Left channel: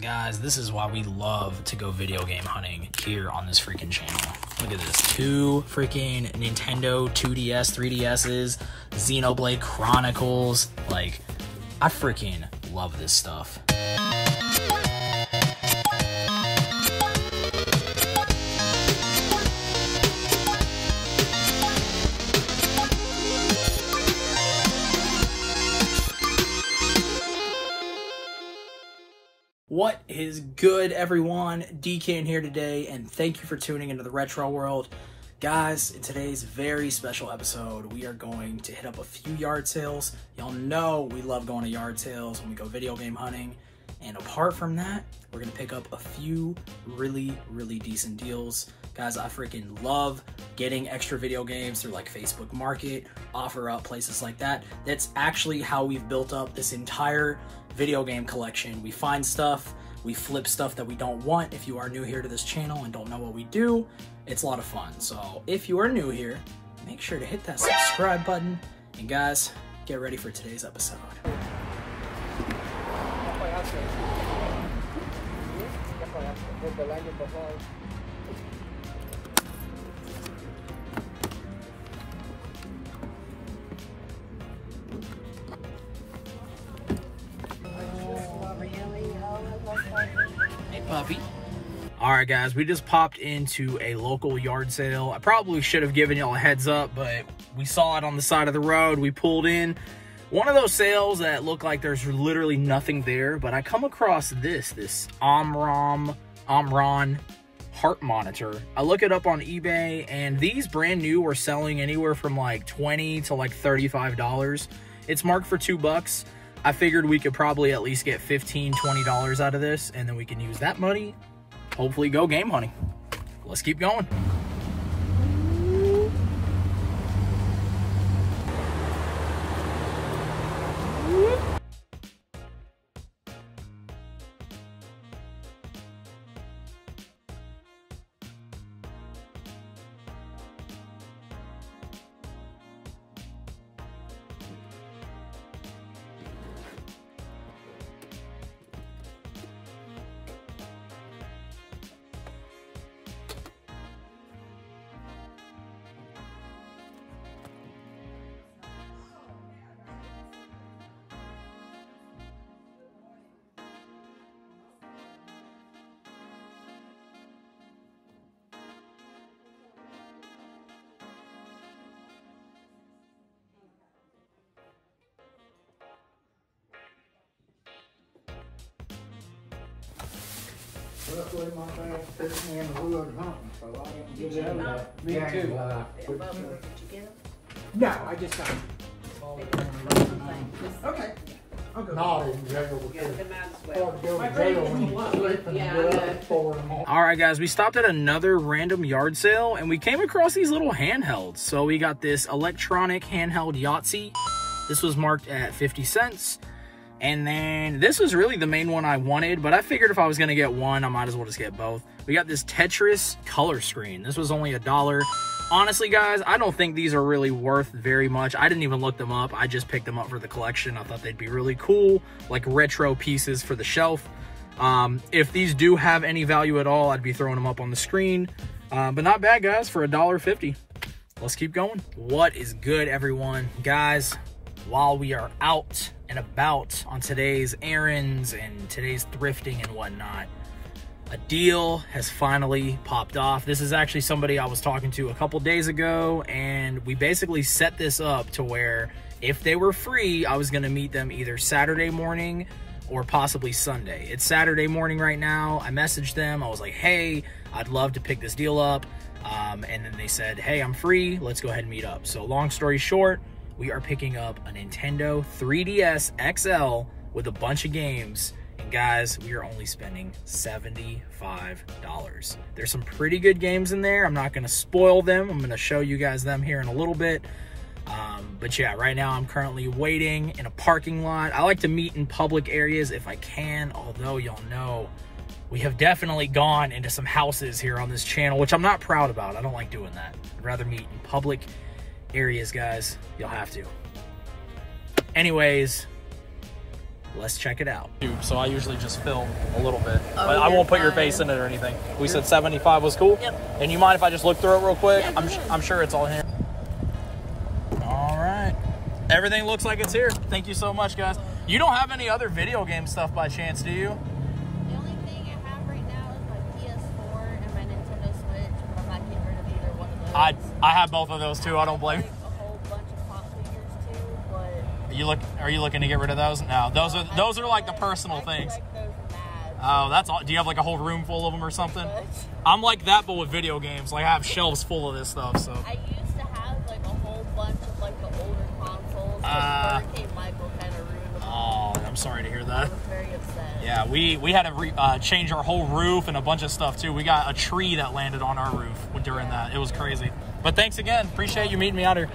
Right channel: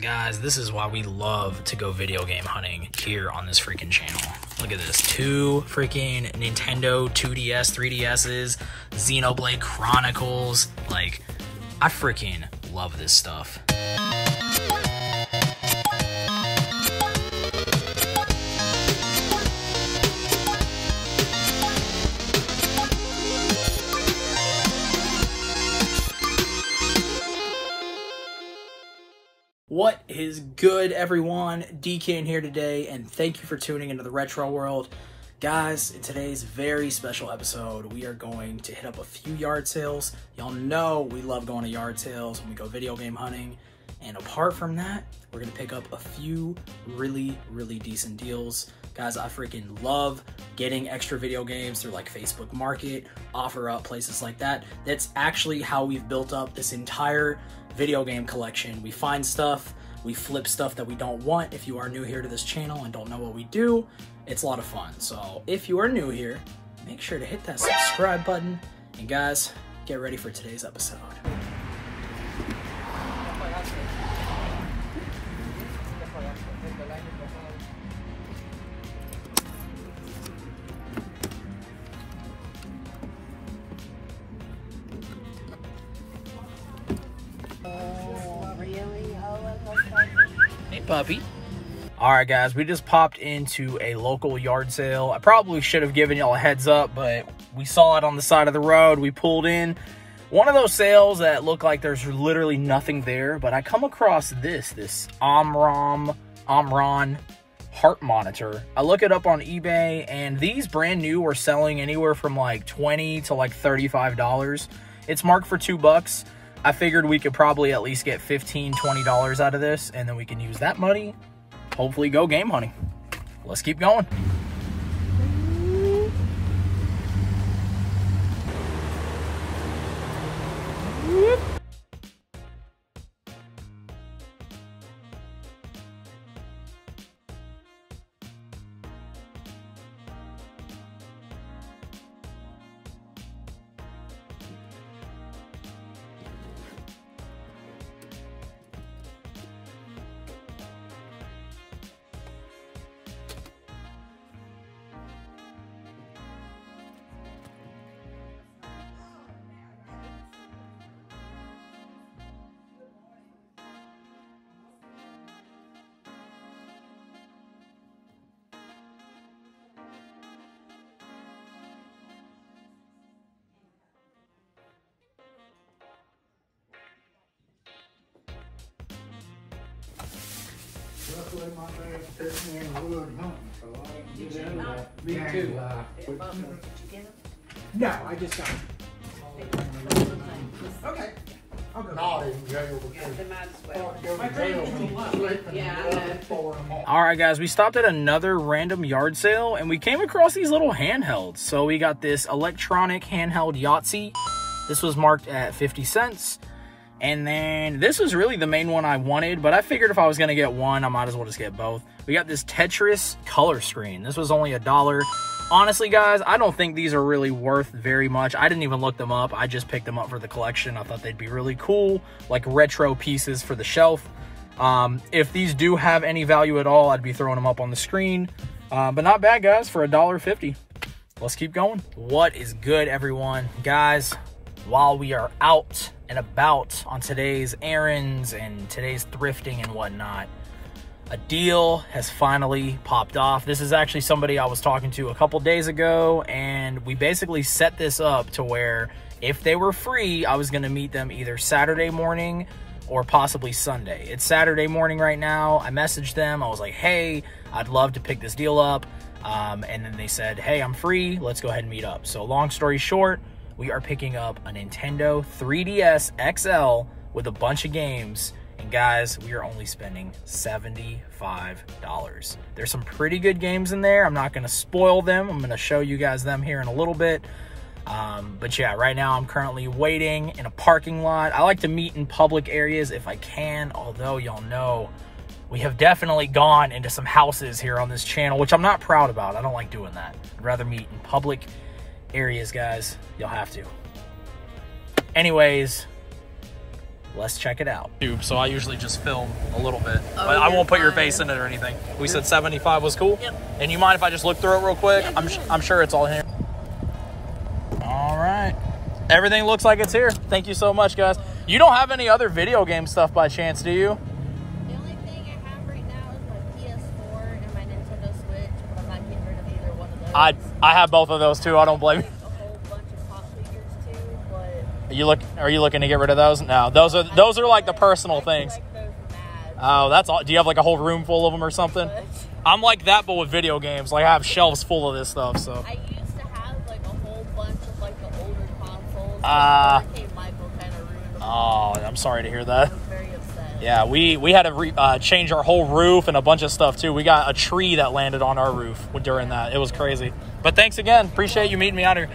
Guys, this is why we love to go video game hunting here on this freaking channel. Look at this. 2 freaking Nintendo 2DS, 3DSs, Xenoblade Chronicles. Like, I freaking love this stuff. What is good, everyone? DK here today, and thank you for tuning into the retro world. Guys, in today's very special episode, we are going to hit up a few yard sales. Y'all know we love going to yard sales when we go video game hunting. And apart from that, we're gonna pick up a few really decent deals. Guys, I freaking love getting extra video games through like Facebook Market, OfferUp, places like that. That's actually how we've built up this entire video game collection. We find stuff, we flip stuff that we don't want. If you are new here to this channel and don't know what we do, it's a lot of fun. So if you are new here, make sure to hit that subscribe button. And guys, get ready for today's episode. Hey, puppy. All right, guys, we just popped into a local yard sale. I probably should have given y'all a heads up, but we saw it on the side of the road. We pulled in. One of those sales that look like there's literally nothing there, but I come across this Omron heart monitor. I look it up on eBay, and these brand new are selling anywhere from like $20 to like $35. It's marked for $2. I figured we could probably at least get $15, $20 out of this, and then we can use that money, hopefully go game hunting. Let's keep going. Me too. No, I just got okay. I'll go. All right, guys, we stopped at another random yard sale, and we came across these little handhelds. So we got this electronic handheld Yahtzee. This was marked at 50 cents. And then this was really the main one I wanted, but I figured if I was gonna get one, I might as well just get both. We got this Tetris color screen. This was only $1. Honestly, guys, I don't think these are really worth very much. I didn't even look them up. I just picked them up for the collection. I thought they'd be really cool, like retro pieces for the shelf. If these do have any value at all, I'd be throwing them up on the screen. But not bad, guys, for $1.50. Let's keep going. What is good, everyone? Guys, while we are out and about on today's errands and today's thrifting and whatnot, a deal has finally popped off. This is actually somebody I was talking to a couple days ago, and we basically set this up to where if they were free, I was gonna meet them either Saturday morning or possibly Sunday. It's Saturday morning right now. I messaged them. I was like, hey, I'd love to pick this deal up. And then they said, hey, I'm free. Let's go ahead and meet up. So long story short, we are picking up a Nintendo 3DS XL with a bunch of games. And guys, we are only spending $75. There's some pretty good games in there. I'm not gonna spoil them. I'm gonna show you guys them here in a little bit. But yeah, right now I'm currently waiting in a parking lot. I like to meet in public areas if I can, although y'all know we have definitely gone into some houses here on this channel, which I'm not proud about. I don't like doing that. I'd rather meet in public areas, guys. You'll have to. Anyways, let's check it out. So I usually just film a little bit, but I won't put your face in it or anything. We said 75 was cool? Yep. And you mind if I just look through it real quick? Yeah, I'm sure it's all here. All right. Everything looks like it's here. Thank you so much, guys. You don't have any other video game stuff by chance, do you? The only thing I have right now is my PS4 and my Nintendo Switch, and I'm not getting rid of either one of those. I have both of those too. I don't blame you. A whole bunch of pop figures too, but Are you looking to get rid of those? No, those are like the personal things. like those mad. Oh, that's all. Do you have like a whole room full of them or something? I'm like that, but with video games. Like I have shelves full of this stuff. So. I used to have like a whole bunch of like the older consoles. Michael kind of ruined them. Oh, I'm sorry to hear that. I was very upset. Yeah, we had to change our whole roof and a bunch of stuff too. We got a tree that landed on our roof during that. It was crazy. But thanks again. Appreciate you meeting me out here.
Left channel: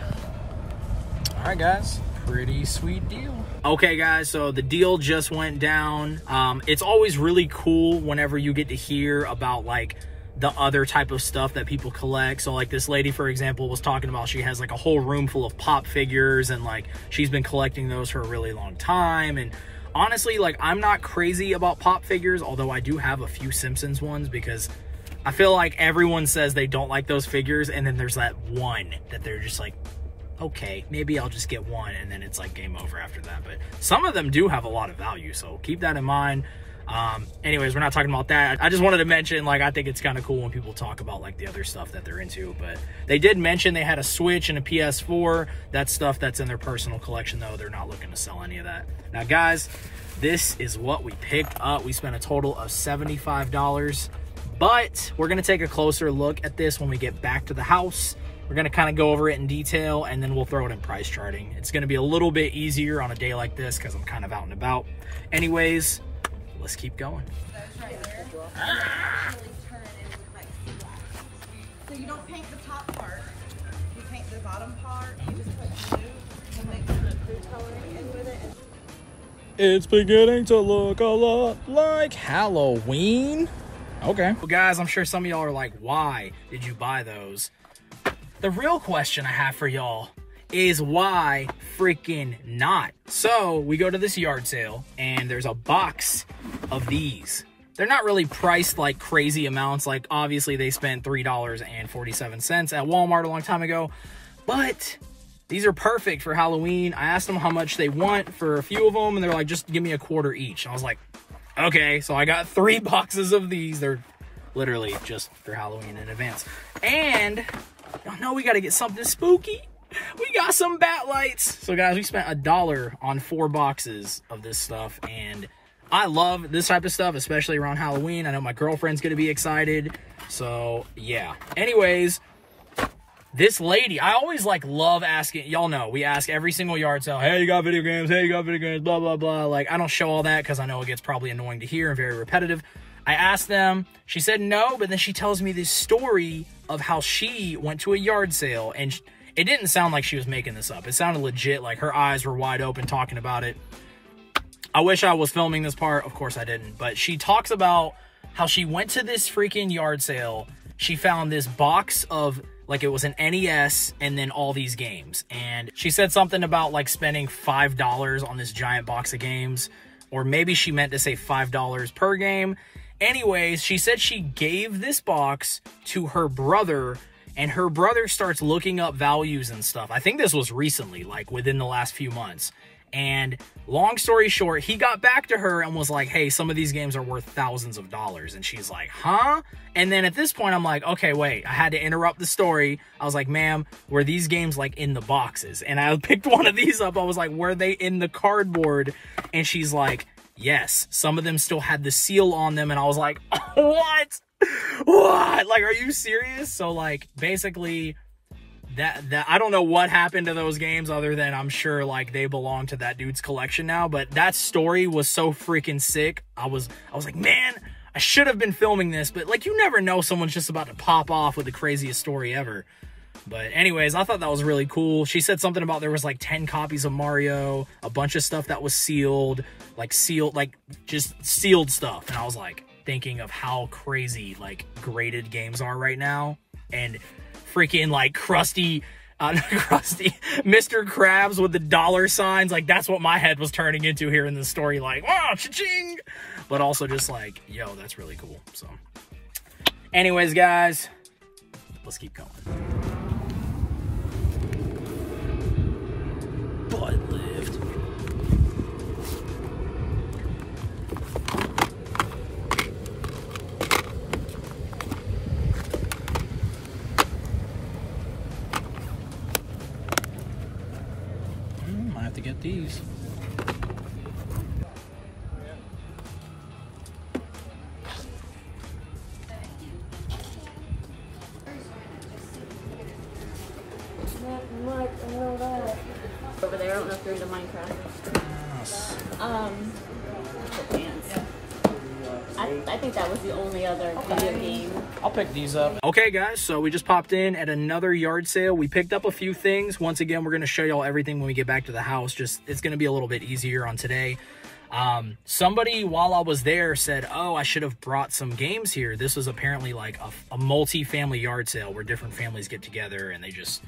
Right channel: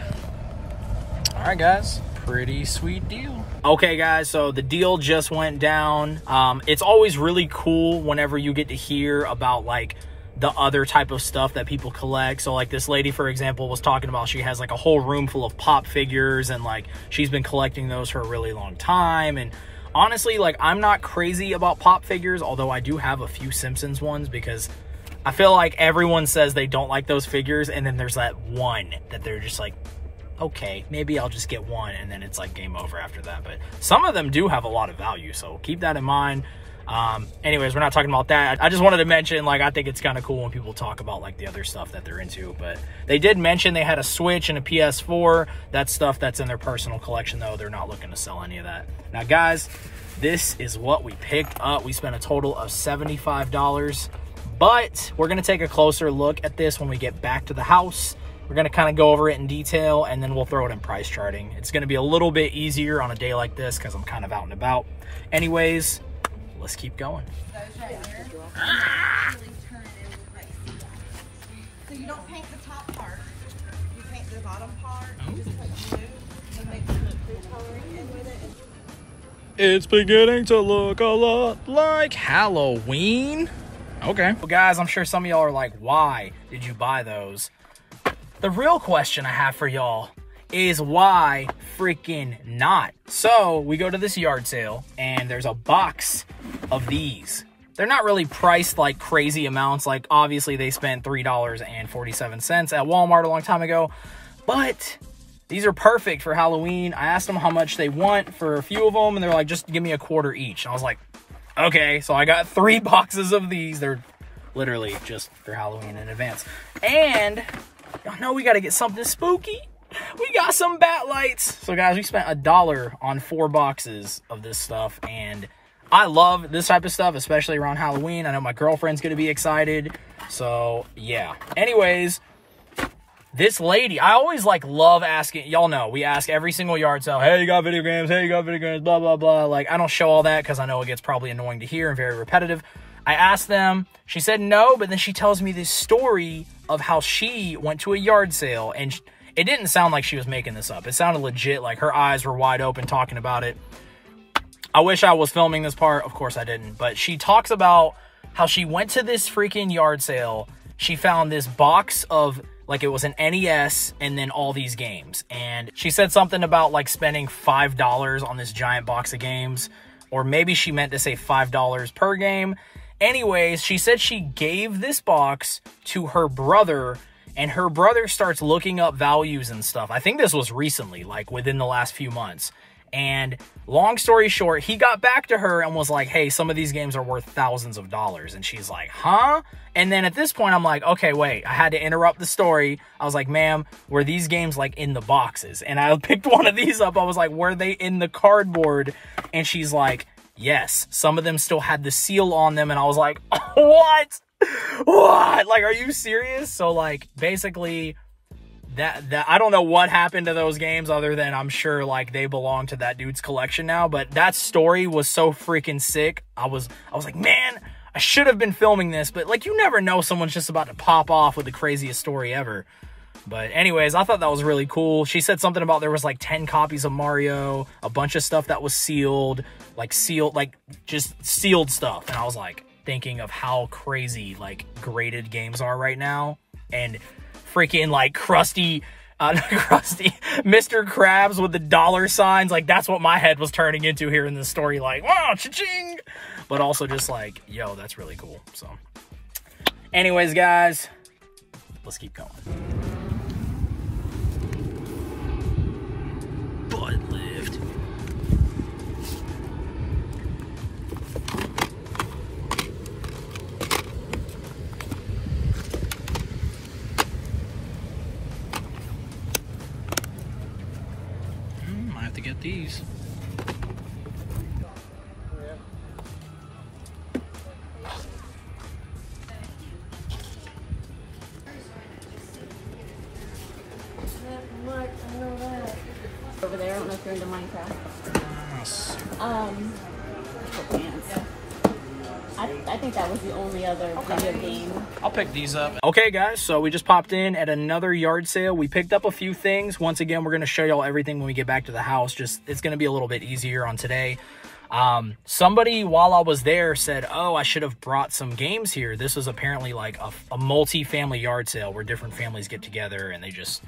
All right, guys. Pretty sweet deal. Okay, guys, so the deal just went down. It's always really cool whenever you get to hear about like the other type of stuff that people collect. So like this lady, for example, was talking about she has like a whole room full of pop figures and like she's been collecting those for a really long time. And honestly, like I'm not crazy about pop figures, although I do have a few Simpsons ones because I feel like everyone says they don't like those figures, and then there's that one that they're just like, okay, maybe I'll just get one, and then it's like game over after that. But some of them do have a lot of value, so keep that in mind. Anyways, we're not talking about that. I just wanted to mention, like, I think it's kind of cool when people talk about like the other stuff that they're into. But they did mention they had a Switch and a PS4. That's stuff that's in their personal collection, though. They're not looking to sell any of that. Now, guys, this is what we picked up. We spent a total of $75, but we're going to take a closer look at this when we get back to the house. We're going to kind of go over it in detail, and then we'll throw it in price charting. It's going to be a little bit easier on a day like this because I'm kind of out and about. Anyways, let's keep going. So you don't paint the top part, you paint the bottom part, you just put blue, and make the food coloring in with it. It's beginning to look a lot like Halloween. Okay. Well, guys, I'm sure some of y'all are like, why did you buy those? The real question I have for y'all is why freaking not? So we go to this yard sale and there's a box of these. They're not really priced like crazy amounts. Like obviously they spent $3.47 at Walmart a long time ago, but these are perfect for Halloween. I asked them how much they want for a few of them, and they're like, just give me a quarter each. I was like, okay. So I got 3 boxes of these. They're literally just for Halloween in advance. And I know we got to get something spooky. We got some bat lights. So guys, we spent $1 on 4 boxes of this stuff, and I love this type of stuff, especially around Halloween. I know my girlfriend's gonna be excited, so yeah. Anyways, this lady, I always like love asking, y'all know, we ask every single yard sale, hey, you got video games, hey, you got video games, blah, blah, blah. Like, I don't show all that because I know it gets probably annoying to hear and very repetitive. I asked them, she said no, but then she tells me this story of how she went to a yard sale, and it didn't sound like she was making this up. It sounded legit, like her eyes were wide open talking about it. I wish I was filming this part. Of course I didn't. But she talks about how she went to this freaking yard sale. She found this box of, like, it was an NES and then all these games. And she said something about, like, spending $5 on this giant box of games. Or maybe she meant to say $5 per game. Anyways, she said she gave this box to her brother, and her brother starts looking up values and stuff. I think this was recently, like within the last few months. And long story short, he got back to her and was like, hey, some of these games are worth thousands of dollars. And she's like, huh? And then at this point, I'm like, okay, wait, I had to interrupt the story. I was like, ma'am, were these games like in the boxes? And I picked one of these up. I was like, were they in the cardboard? And she's like, yes, some of them still had the seal on them. And I was like, what? What? Like, are you serious? So like, basically, that I don't know what happened to those games other than I'm sure like they belong to that dude's collection now. But that story was so freaking sick. I was like, man, I should have been filming this, but like, you never know, someone's just about to pop off with the craziest story ever. But anyways, I thought that was really cool. She said something about there was like 10 copies of Mario, a bunch of stuff that was sealed, like just sealed stuff. And I was like thinking of how crazy like graded games are right now, and freaking like crusty across the Mr. Krabs with the dollar signs. Like, that's what my head was turning into here in this story. Like, wow, cha-ching. But also just like, yo, that's really cool. So anyways, guys, let's keep going. Butt lift. Might have to get these. Over there, I don't know if you're into Minecraft. I think that was the only other video game. I'll pick these up. Okay, guys, so we just popped in at another yard sale. We picked up a few things. Once again, we're going to show y'all everything when we get back to the house. Just, it's going to be a little bit easier on today. Somebody, while I was there, said, oh, I should have brought some games here. This was apparently like a multi-family yard sale where different families get together and they just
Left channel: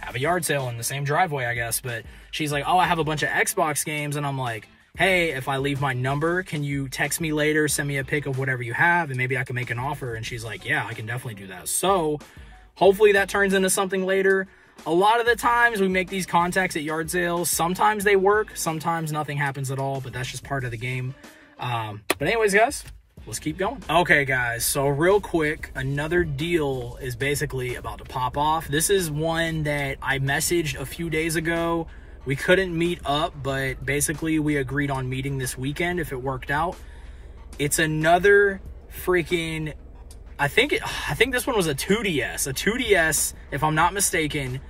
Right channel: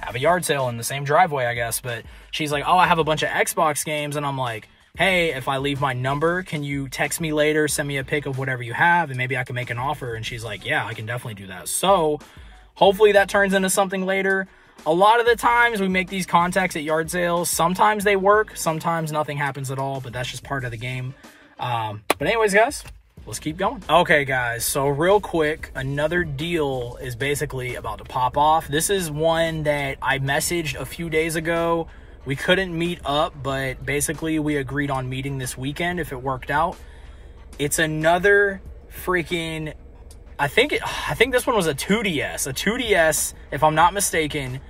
have a yard sale in the same driveway, I guess. But she's like, oh, I have a bunch of Xbox games. And I'm like, hey, if I leave my number, can you text me later, send me a pic of whatever you have, and maybe I can make an offer? And she's like, yeah, I can definitely do that. So hopefully that turns into something later. A lot of the times we make these contacts at yard sales. Sometimes they work, sometimes nothing happens at all, but that's just part of the game. But anyways, guys, let's keep going. Okay, guys, so real quick, another deal is basically about to pop off. This is one that I messaged a few days ago. We couldn't meet up, but basically we agreed on meeting this weekend if it worked out. It's another freaking, I think this one was a 2DS, if I'm not mistaken.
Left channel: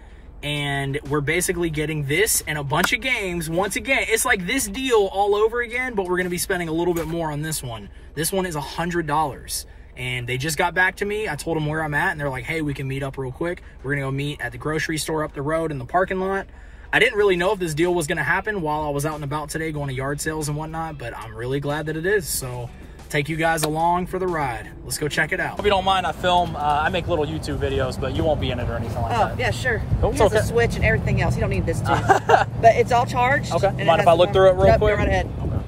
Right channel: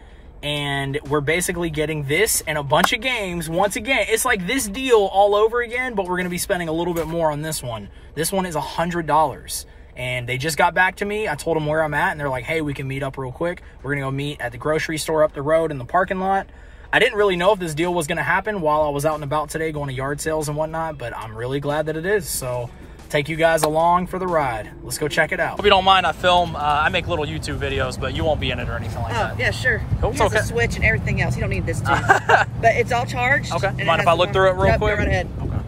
And we're basically getting this and a bunch of games. Once again, it's like this deal all over again, but we're going to be spending a little bit more on this one. This one is $100. And they just got back to me. I told them where I'm at, and they're like, hey, we can meet up real quick. We're going to go meet at the grocery store up the road in the parking lot. I didn't really know if this deal was going to happen while I was out and about today going to yard sales and whatnot, but I'm really glad that it is. So take you guys along for the ride. Let's go check it out. If you don't mind, I film, I make little YouTube videos, but you won't be in it or anything like that. Oh, yeah, sure. Cool. It's okay. A switch and everything else. You don't need this too. But it's all charged. Okay. Mind if I look through it real quick? Go right ahead. Okay.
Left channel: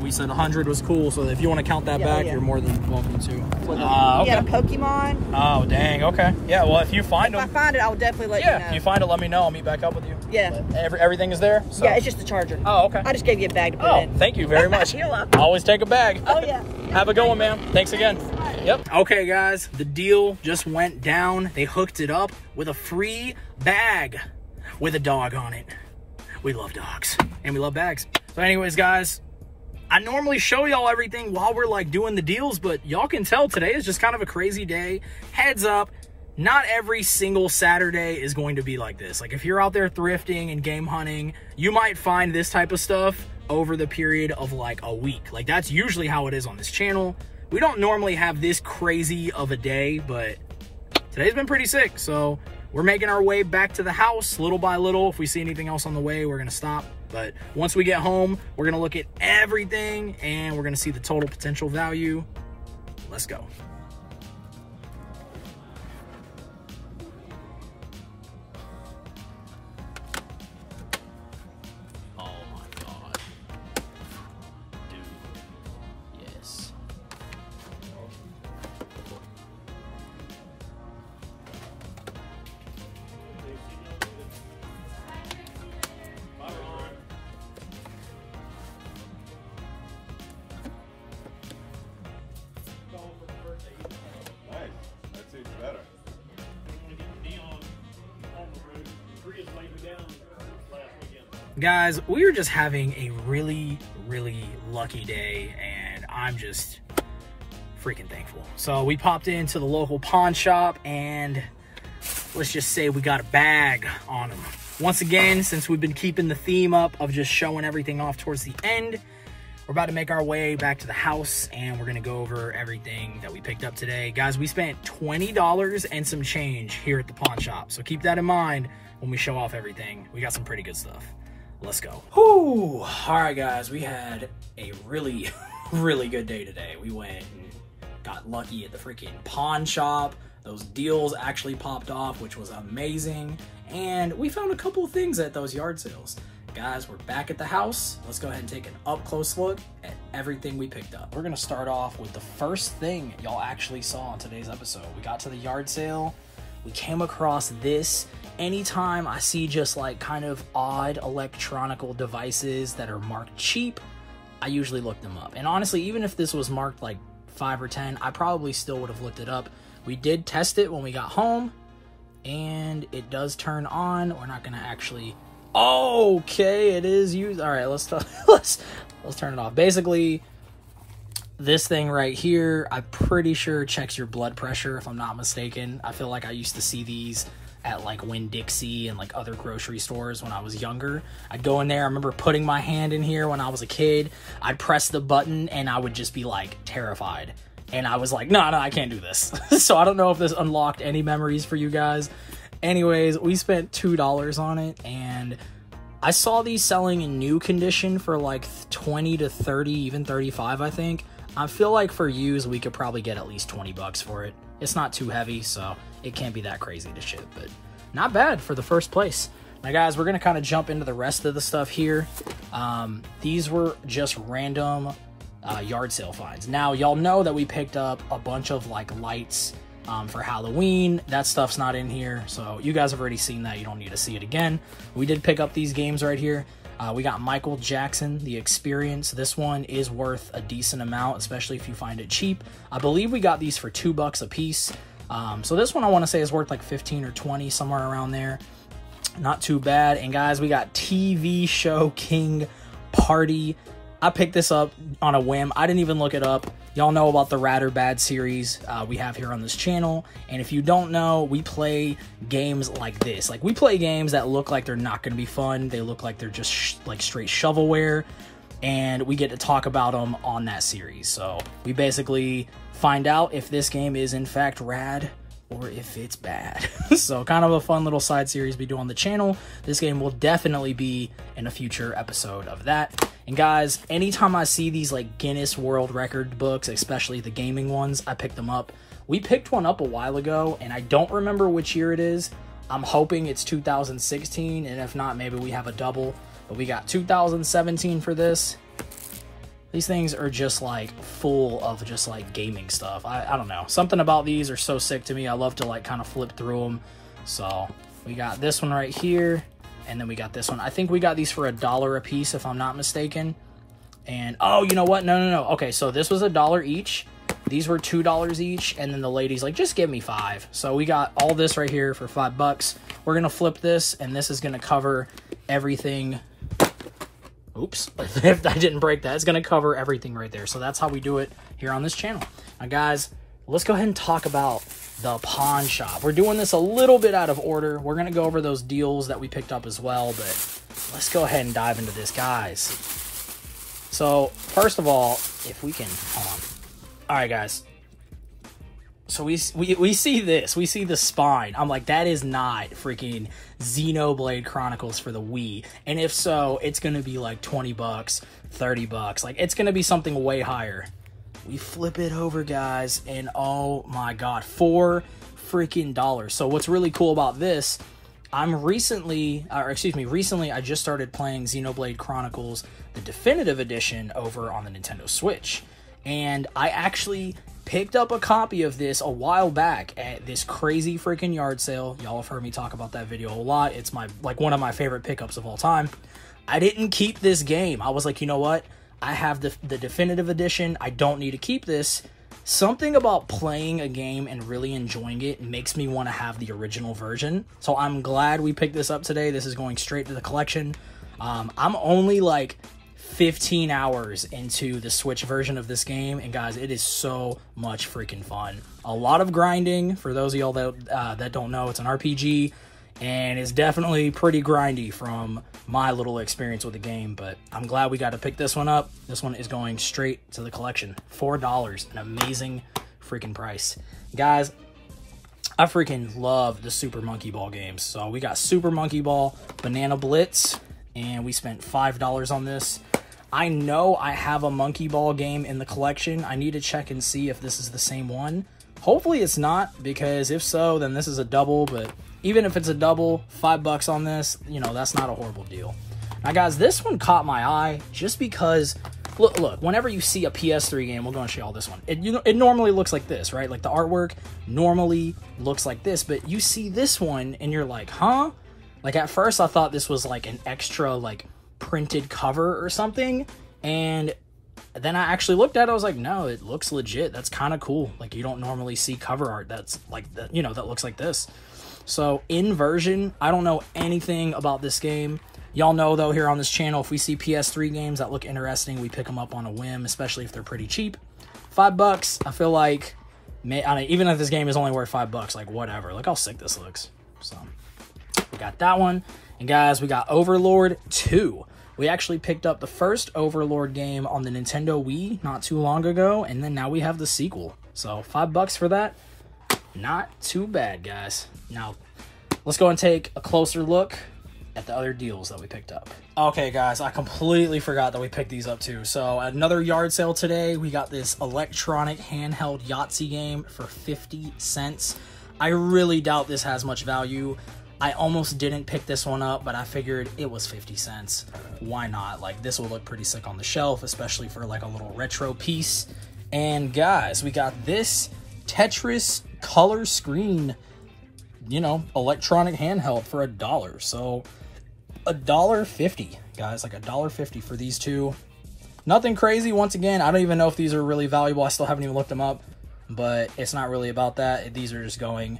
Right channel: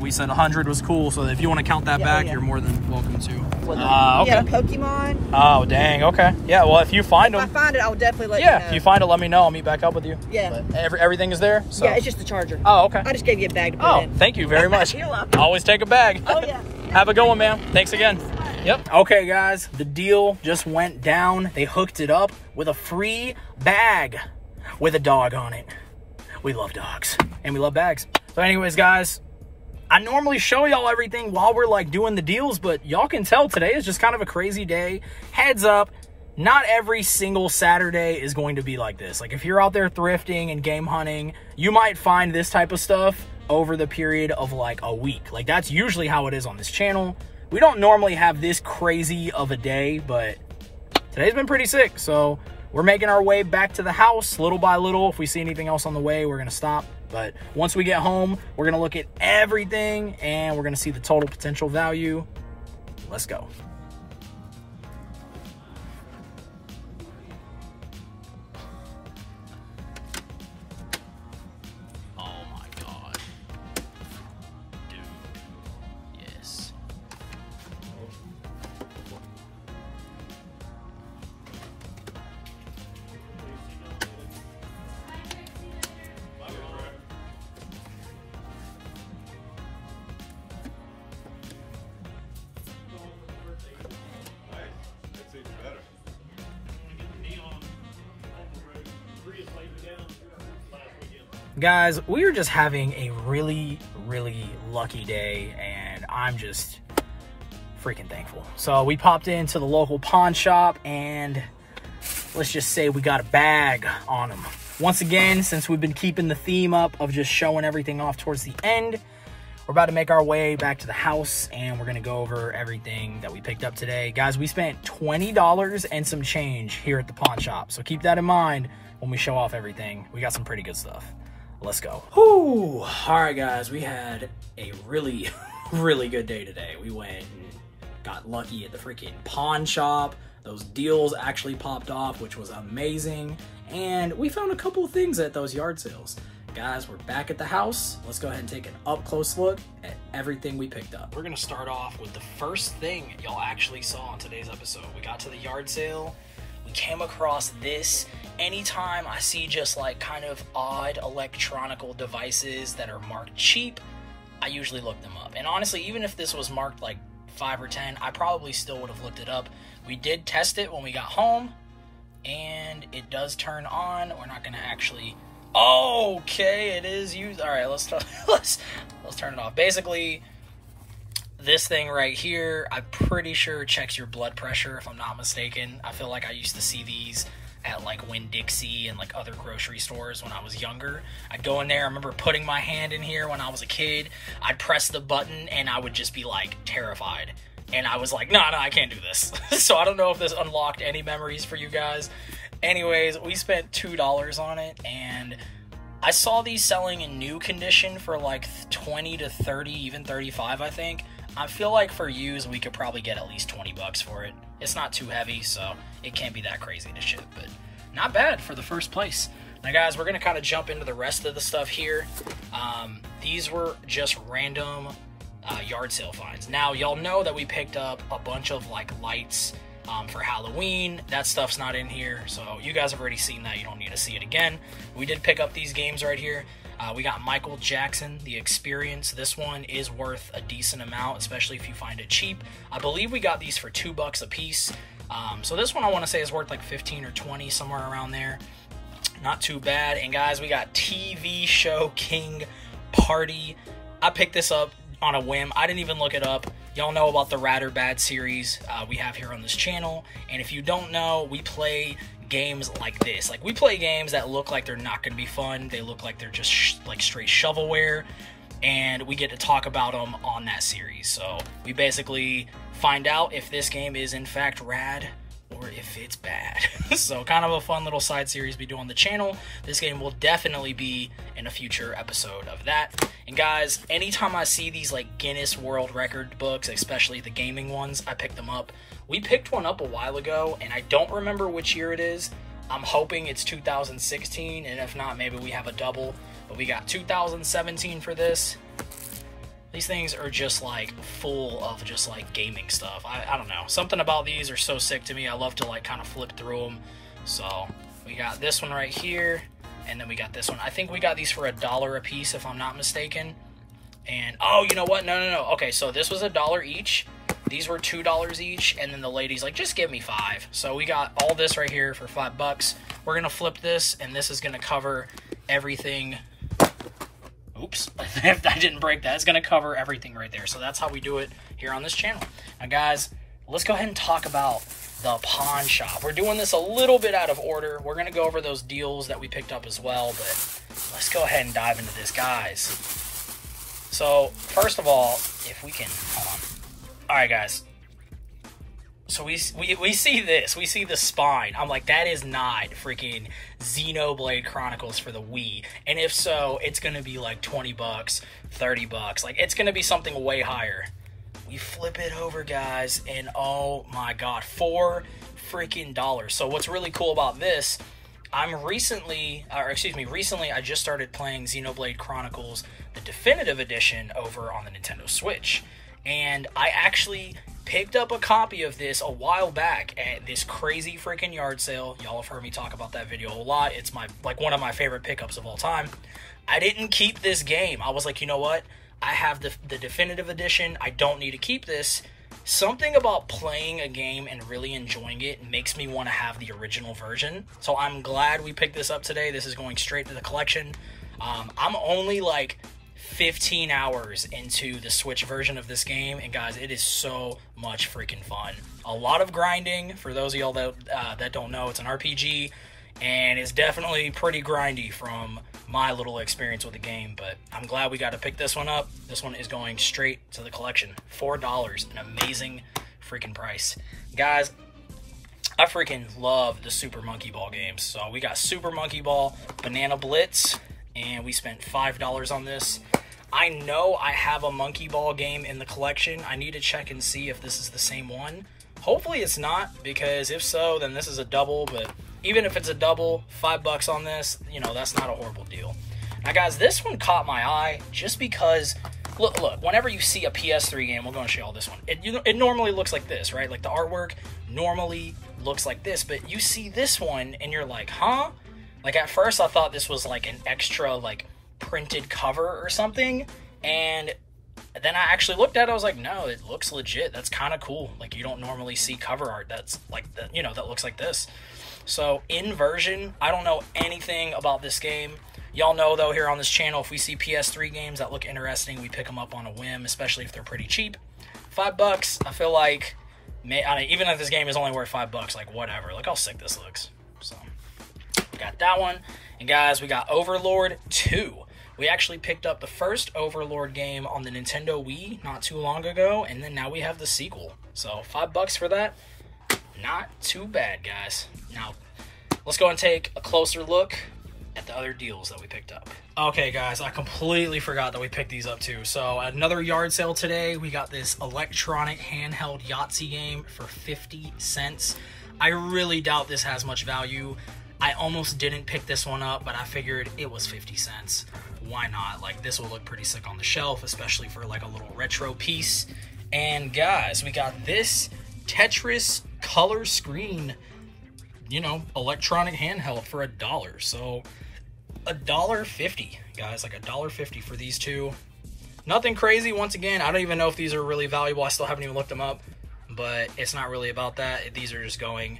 We said 100 was cool, so if you want to count that back, you're more than welcome to. Okay. Yeah, Pokemon. Oh, dang. Okay. Yeah, well, if you find them. If I find it, I'll definitely let you know. Yeah, if you find it, let me know. I'll meet back up with you. Yeah. But everything is there? So. Yeah, it's just the charger. Oh, okay. I just gave you a bag to put in. Thank you very much. You're welcome. Always take a bag. Oh, yeah. Have a good one, ma'am. Thanks again. Yep. Okay, guys, the deal just went down. They hooked it up with a free bag with a dog on it. We love dogs and we love bags. So anyways, guys, I normally show y'all everything while we're like doing the deals, but y'all can tell today is just kind of a crazy day. Heads up, not every single Saturday is going to be like this. Like if you're out there thrifting and game hunting, you might find this type of stuff over the period of like a week. Like that's usually how it is on this channel. We don't normally have this crazy of a day, but today's been pretty sick. So we're making our way back to the house little by little. If we see anything else on the way, we're gonna stop. But once we get home, we're gonna look at everything and we're gonna see the total potential value. Let's go. Oh my God. Dude, yes. Guys, we are just having a really, really lucky day, and I'm just freaking thankful. So we popped into the local pawn shop, and let's just say we got a bag on them. Once again, since we've been keeping the theme up of just showing everything off towards the end, we're about to make our way back to the house, and we're gonna go over everything that we picked up today. Guys, we spent $20 and some change here at the pawn shop, so keep that in mind when we show off everything. We got some pretty good stuff. Let's go. Whew. All right, guys, we had a really, really good day today. We went and got lucky at the freaking pawn shop. Those deals actually popped off, which was amazing. And we found a couple of things at those yard sales. Guys, we're back at the house. Let's go ahead and take an up-close look at everything we picked up. We're gonna start off with the first thing y'all actually saw in today's episode. We got to the yard sale. We came across this. Anytime I see just like kind of odd electronical devices that are marked cheap, I usually look them up. And honestly, even if this was marked like 5 or 10, I probably still would have looked it up. We did test it when we got home, and it does turn on. We're not gonna actually... Okay, it is used. All right, let's turn it off. Basically, this thing right here, I'm pretty sure checks your blood pressure, if I'm not mistaken. I feel like I used to see these at like Winn-Dixie and like other grocery stores when I was younger. I'd go in there. I remember putting my hand in here when I was a kid. I'd press the button and I would just be like terrified. And I was like, no, I can't do this. So I don't know if this unlocked any memories for you guys. Anyways, we spent $2 on it, and I saw these selling in new condition for like 20 to 30, even 35, I think. I feel like for used, we could probably get at least 20 bucks for it. It's not too heavy, so it can't be that crazy to ship, but not bad for the first place. Now, guys, we're going to kind of jump into the rest of the stuff here. These were just random yard sale finds. Now, y'all know that we picked up a bunch of like lights for Halloween. That stuff's not in here, so you guys have already seen that. You don't need to see it again. We did pick up these games right here. We got Michael Jackson, The Experience. This one is worth a decent amount, especially if you find it cheap. I believe we got these for $2 a piece. So this one I want to say is worth like 15 or 20, somewhere around there. Not too bad. And guys, we got TV Show King Party. I picked this up on a whim. I didn't even look it up. Y'all know about the Rad or Bad series we have here on this channel. And if you don't know, we play games like this. Like, we play games that look like they're not going to be fun. They look like they're just like straight shovelware. And we get to talk about them on that series. So we basically find out if this game is in fact rad or if it's bad. So kind of a fun little side series we do on the channel. This game will definitely be in a future episode of that. And guys, anytime I see these like Guinness World Record books, especially the gaming ones, I pick them up. We picked one up a while ago, and I don't remember which year it is. I'm hoping it's 2016, and if not, maybe we have a double. But we got 2017 for this. These things are just like full of just like gaming stuff. I don't know. Something about these are so sick to me. I love to like kind of flip through them. So we got this one right here. And then we got this one. I think we got these for $1 a piece, if I'm not mistaken. And, oh, you know what? No. Okay, so this was $1 each. These were $2 each. And then the lady's like, just give me 5. So we got all this right here for $5. We're going to flip this, and this is going to cover everything. Oops, if I didn't break that, it's going to cover everything right there. So that's how we do it here on this channel. Now, guys, let's go ahead and talk about the pawn shop. We're doing this a little bit out of order. We're going to go over those deals that we picked up as well, but let's go ahead and dive into this, guys. So, first of all, if we can... All right, guys. So we see this. We see the spine. I'm like, that is not freaking Xenoblade Chronicles for the Wii. And if so, it's going to be like 20 bucks, 30 bucks. Like, it's going to be something way higher. We flip it over, guys, and oh my god, $4 freaking dollars. So what's really cool about this, recently I just started playing Xenoblade Chronicles, the definitive edition, over on the Nintendo Switch. And I actually picked up a copy of this a while back at this crazy freaking yard sale. Y'all have heard me talk about that video a lot. It's one of my favorite pickups of all time. I didn't keep this game. I was like, you know what? I have the definitive edition. I don't need to keep this. Something about playing a game and really enjoying it makes me want to have the original version. So I'm glad we picked this up today. This is going straight to the collection. I'm only like 15 hours into the Switch version of this game, and guys, it is so much freaking fun. A lot of grinding. For those of y'all that don't know, it's an RPG, and it's definitely pretty grindy from my little experience with the game, but I'm glad we got to pick this one up. This one is going straight to the collection. $4, an amazing freaking price. Guys, I freaking love the Super Monkey Ball games. So we got Super Monkey Ball, Banana Blitz, and we spent $5 on this. I know I have a Monkey Ball game in the collection. I need to check and see if this is the same one, Hopefully it's not, because if so, then this is a double. But even if it's a double, $5 on this, you know, that's not a horrible deal. Now, guys, this one caught my eye just because, look, whenever you see a PS3 game, we're going to show y'all this one. It normally looks like this, right? Like, the artwork normally looks like this, but you see this one, and you're like, huh? Like, at first, I thought this was, like, an extra, like, printed cover or something, and then I actually looked at it, I was like, no, it looks legit. That's kind of cool. Like, you don't normally see cover art that's, like, you know, that looks like this. So, in version, I don't know anything about this game. Y'all know, though, here on this channel, if we see PS3 games that look interesting, we pick them up on a whim, especially if they're pretty cheap. $5, I feel like, even if this game is only worth $5, like, whatever. Look how sick this looks. So, we got that one. And, guys, we got Overlord 2. We actually picked up the first Overlord game on the Nintendo Wii not too long ago, and then now we have the sequel. So, $5 for that. Not too bad, guys. Now, let's go and take a closer look at the other deals that we picked up. Okay, guys, I completely forgot that we picked these up too. So another yard sale today. We got this electronic handheld Yahtzee game for 50 cents. I really doubt this has much value. I almost didn't pick this one up, but I figured it was 50 cents. Why not? Like, this will look pretty sick on the shelf, especially for like a little retro piece. And guys, we got this Tetris color screen, you know, electronic handheld for $1. So $1.50, guys, like $1.50 for these two. Nothing crazy. Once again, I don't even know if these are really valuable. I still haven't even looked them up, but it's not really about that. These are just going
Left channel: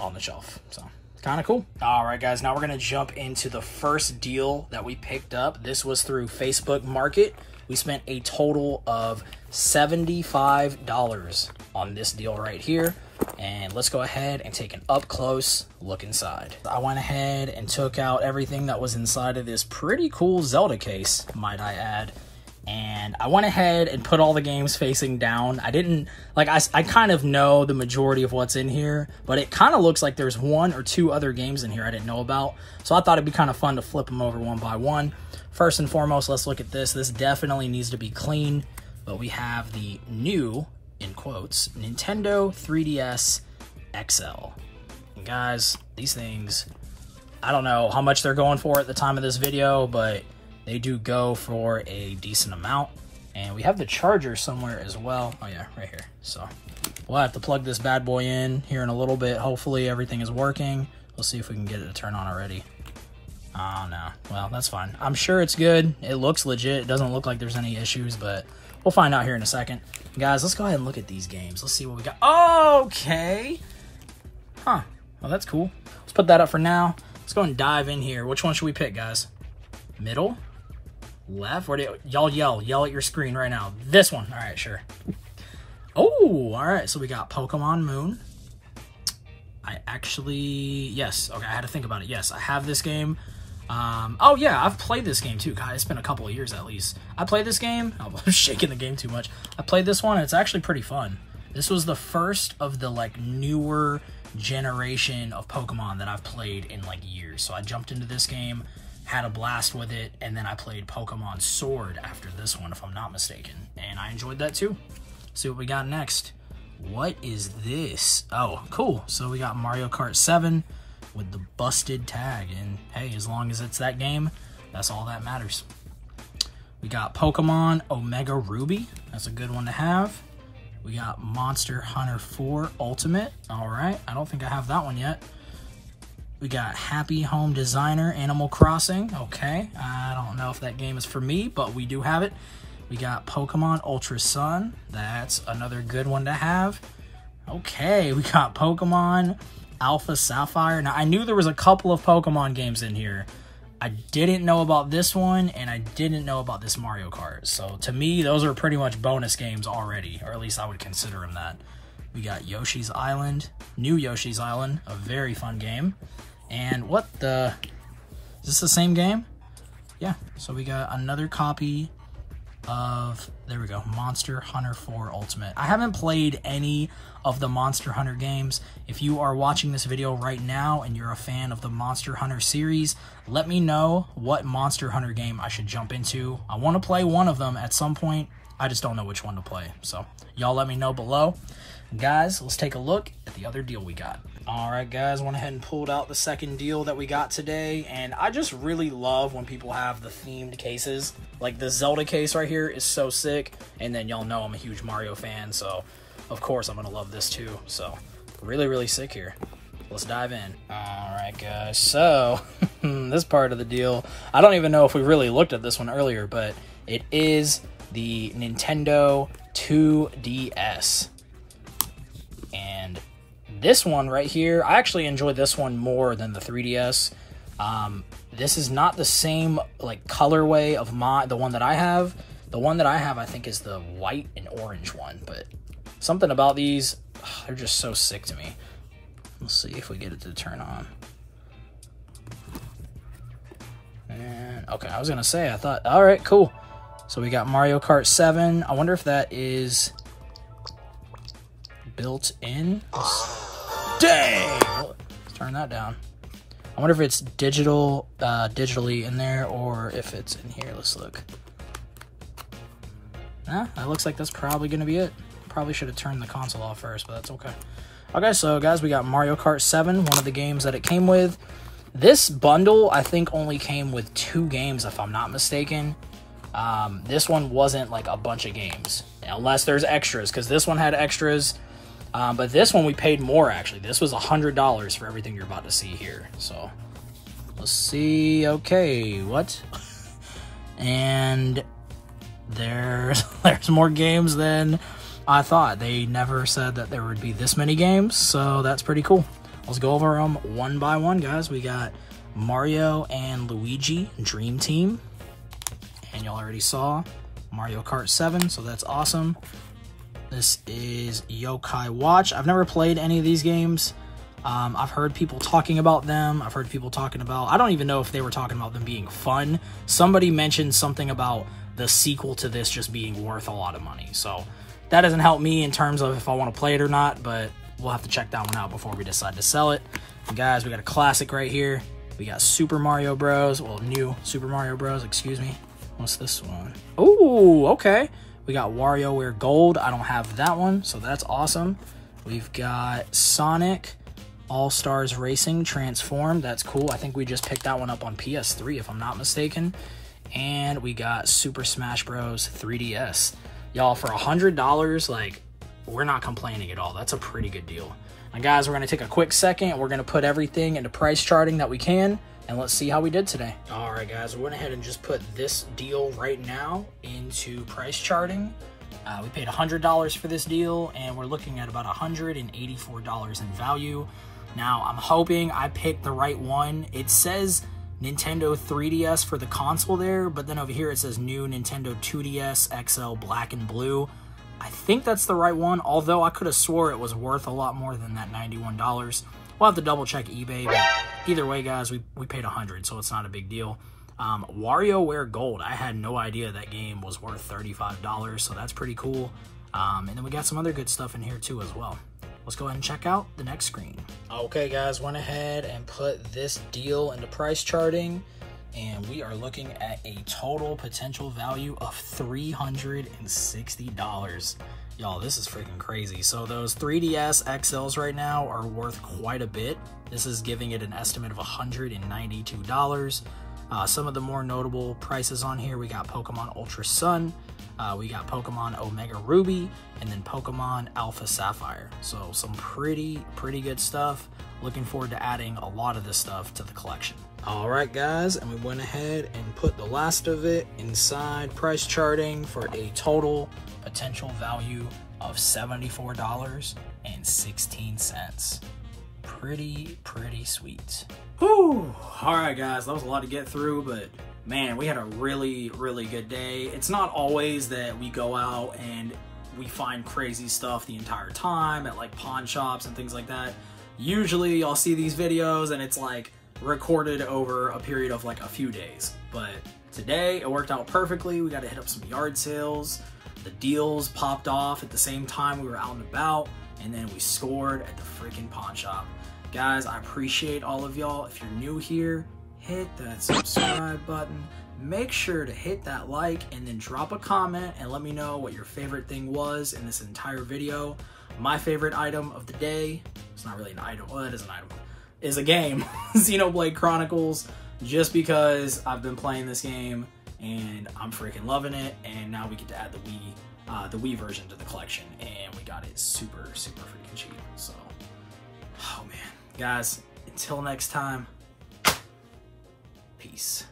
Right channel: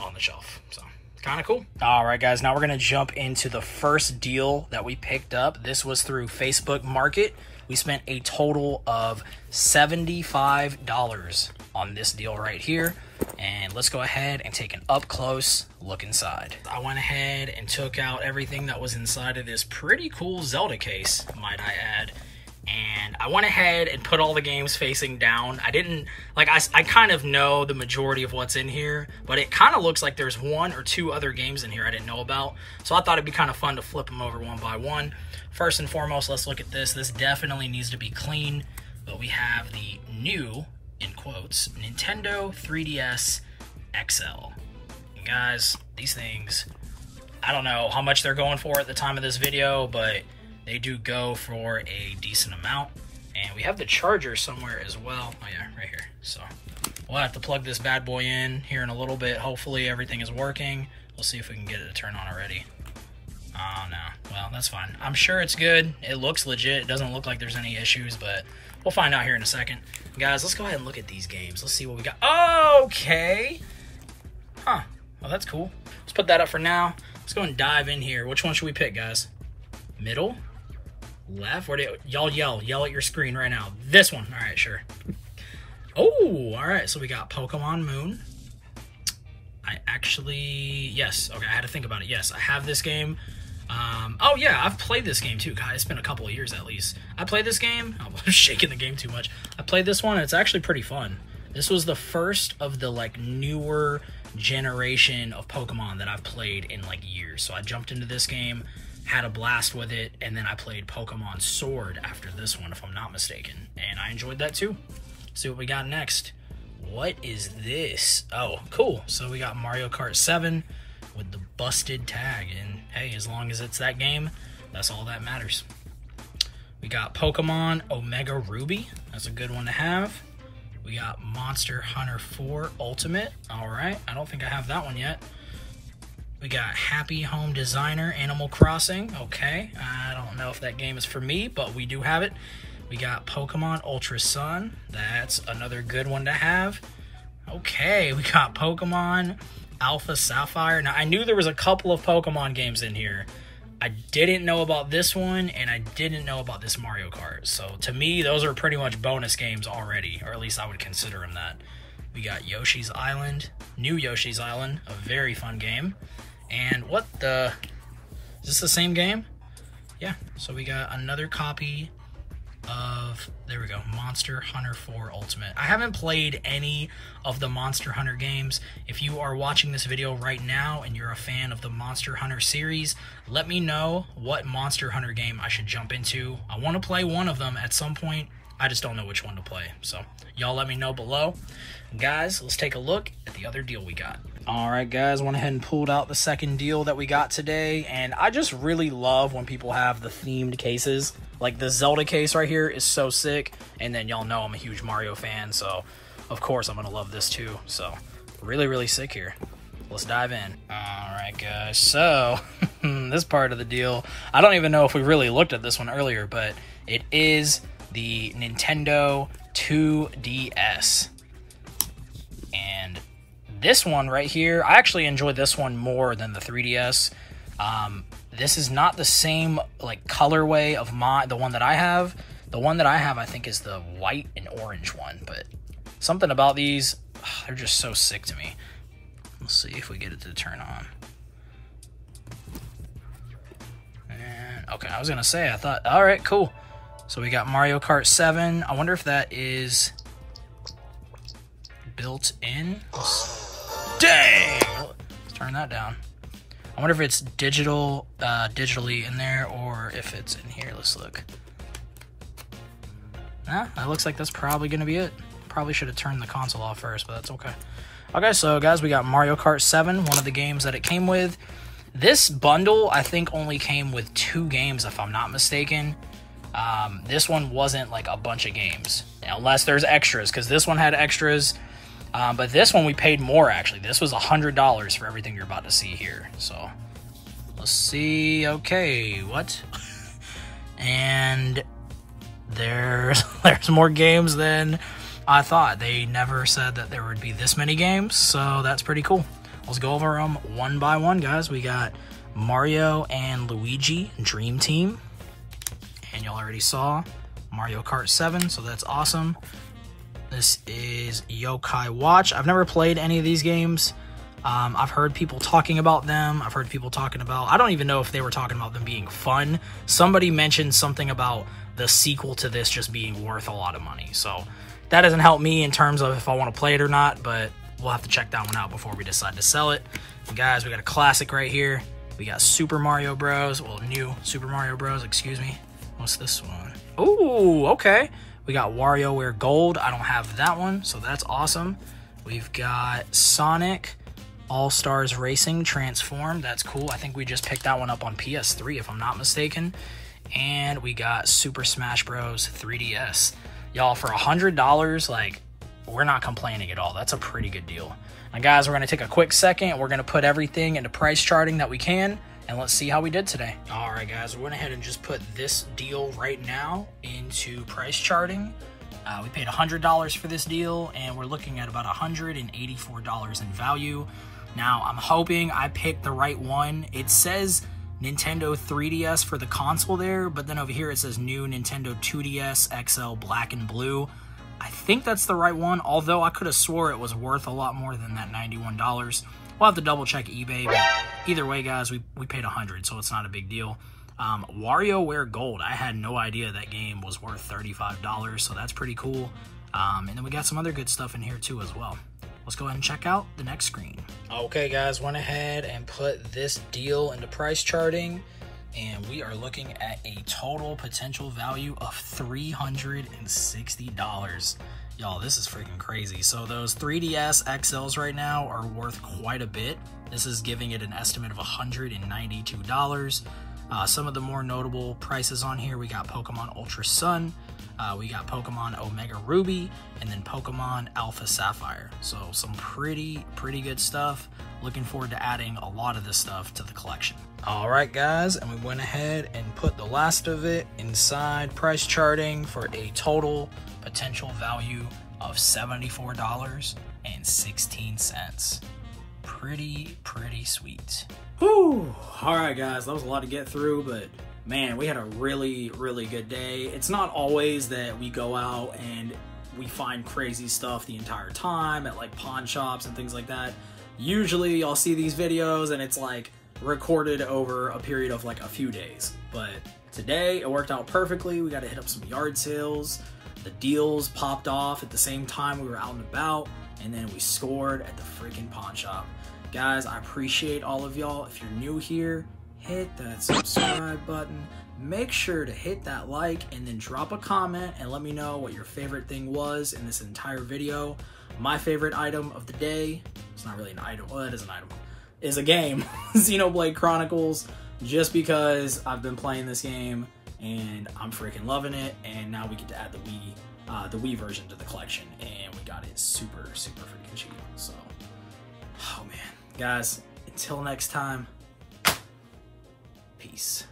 on the shelf. So kind of cool. All right, guys, now we're going to jump into the first deal that we picked up. This was through Facebook Market. We spent a total of $75 on this deal right here. And let's go ahead and take an up-close look inside. I went ahead and took out everything that was inside of this pretty cool Zelda case, might I add. And I went ahead and put all the games facing down. I didn't, like, I kind of know the majority of what's in here, but it kind of looks like there's one or two other games in here I didn't know about. So I thought it'd be kind of fun to flip them over one by one. First and foremost, let's look at this. This definitely needs to be clean, but we have the new, in quotes, Nintendo 3DS XL. And guys, these things, I don't know how much they're going for at the time of this video, but they do go for a decent amount. And we have the charger somewhere as well. Oh yeah, right here. So we'll have to plug this bad boy in here in a little bit. Hopefully everything is working. We'll see if we can get it to turn on already. Oh no, well, that's fine. I'm sure it's good. It looks legit. It doesn't look like there's any issues, but we'll find out here in a second. Guys, let's go ahead and look at these games. Let's see what we got. Okay. Huh. Well, that's cool. Let's put that up for now. Let's go and dive in here. Which one should we pick, guys? Middle? Left? Where do y'all yell at your screen right now? This one. All right, sure. Oh, all right. So we got Pokemon Moon. Yes. Okay, I had to think about it. Yes, I have this game. Oh yeah, I've played this game too. God, it's been a couple of years at least. I played this game. I'm shaking the game too much. I played this one, and it's actually pretty fun. This was the first of the like newer generation of Pokemon that I've played in like years. So I jumped into this game, had a blast with it, and then I played Pokemon Sword after this one, if I'm not mistaken. And I enjoyed that too. Let's see what we got next. What is this? Oh, cool. So we got Mario Kart 7 with the busted tag. And hey, as long as it's that game, that's all that matters. We got Pokemon Omega Ruby. That's a good one to have. We got Monster Hunter 4 Ultimate. All right. I don't think I have that one yet. We got Happy Home Designer Animal Crossing. Okay. I don't know if that game is for me, but we do have it. We got Pokemon Ultra Sun. That's another good one to have. Okay, we got Pokemon Alpha Sapphire. Now, I knew there was a couple of Pokemon games in here. I didn't know about this one, and I didn't know about this Mario Kart. So, to me, those are pretty much bonus games already, or at least I would consider them that. We got Yoshi's Island, New Yoshi's Island, a very fun game. And what the... Is this the same game? Yeah, so we got another copy of of, there we go, Monster Hunter 4 Ultimate. I haven't played any of the Monster Hunter games. If you are watching this video right now and you're a fan of the Monster Hunter series, let me know what Monster Hunter game I should jump into. I want to play one of them at some point. I just don't know which one to play. So y'all let me know below. Guys, let's take a look at the other deal we got. All right, guys, went ahead and pulled out the second deal that we got today, and I just really love when people have the themed cases. Like the Zelda case right here is so sick, and then y'all know I'm a huge Mario fan, so of course I'm gonna love this too. So really, really sick here. Let's dive in. All right, guys, so this part of the deal, I don't even know if we really looked at this one earlier, but it is the Nintendo 2DS. And this one right here, I actually enjoyed this one more than the 3DS. This is not the same like colorway of the one that I have. The one that I have, I think, is the white and orange one. But something about these, they're just so sick to me. Let's see if we get it to turn on. And okay, I was gonna say, I thought, all right, cool. So we got Mario Kart 7. I wonder if that is built in. Dang! Let's turn that down. I wonder if it's digitally in there or if it's in here. Let's look. Nah, that looks like that's probably gonna be it. Probably should have turned the console off first, but that's okay. Okay, so guys, we got Mario Kart 7, one of the games that it came with. This bundle, I think, only came with 2 games, if I'm not mistaken. This one wasn't like a bunch of games, unless there's extras, because this one had extras. But this one we paid more, actually. This was $100 for everything you're about to see here. So let's see. Okay, what? And there's more games than I thought. They never said that there would be this many games, so that's pretty cool. Let's go over them one by one, guys. We got Mario and Luigi Dream Team. And y'all already saw Mario Kart 7, so that's awesome. This is Yokai Watch. I've never played any of these games. I've heard people talking about them. I've heard people talking about, I don't even know if they were talking about them being fun. Somebody mentioned something about the sequel to this just being worth a lot of money. So that doesn't help me in terms of if I want to play it or not, but we'll have to check that one out before we decide to sell it. And guys, we got a classic right here. We got Super Mario Bros. Well, new Super Mario Bros, excuse me. What's this one? Oh, okay. We got WarioWare Gold. I don't have that one, so that's awesome. We've got Sonic All-Stars Racing Transformed. That's cool. I think we just picked that one up on PS3, if I'm not mistaken. And we got Super Smash Bros. 3DS. Y'all, for $100, like, we're not complaining at all. That's a pretty good deal. Now, guys, we're going to take a quick second. We're going to put everything into price charting that we can. And let's see how we did today. All right, guys, we went ahead and just put this deal right now into price charting. We paid $100 for this deal, and we're looking at about $184 in value. Now, I'm hoping I picked the right one. It says Nintendo 3DS for the console there, but then over here it says new Nintendo 2DS XL Black and Blue. I think that's the right one, although I could have swore it was worth a lot more than that $91. We'll have to double check eBay, but either way, guys, we paid $100, so it's not a big deal. WarioWare Gold, I had no idea that game was worth $35, so that's pretty cool. And then we got some other good stuff in here too as well. Let's go ahead and check out the next screen. Okay, guys, went ahead and put this deal into price charting, and we are looking at a total potential value of $360. Y'all, this is freaking crazy. So those 3DS XLs right now are worth quite a bit. This is giving it an estimate of $192. Some of the more notable prices on here, we got Pokemon Ultra Sun, we got Pokemon Omega Ruby, and then Pokemon Alpha Sapphire. So some pretty good stuff. Looking forward to adding a lot of this stuff to the collection. All right, guys, and we went ahead and put the last of it inside price charting for a total potential value of $74.16. Pretty sweet. Whew. All right, guys, that was a lot to get through, but man, we had a really good day. It's not always that we go out and we find crazy stuff the entire time at like pawn shops and things like that. Usually y'all see these videos and it's like recorded over a period of like a few days, but today. It worked out perfectly. We got to hit up some yard sales. The deals popped off at the same time we were out and about, and then we scored at the freaking pawn shop. Guys, I appreciate all of y'all. If you're new here, hit that subscribe button. Make sure to hit that like and then drop a comment and let me know what your favorite thing was in this entire video. My favorite item of the day, it's not really an item, well, it is an item, is a game, Xenoblade Chronicles, just because I've been playing this game and I'm freaking loving it, and now we get to add the Wii version to the collection, and we got it super freaking cheap. So, oh man, guys, until next time, peace.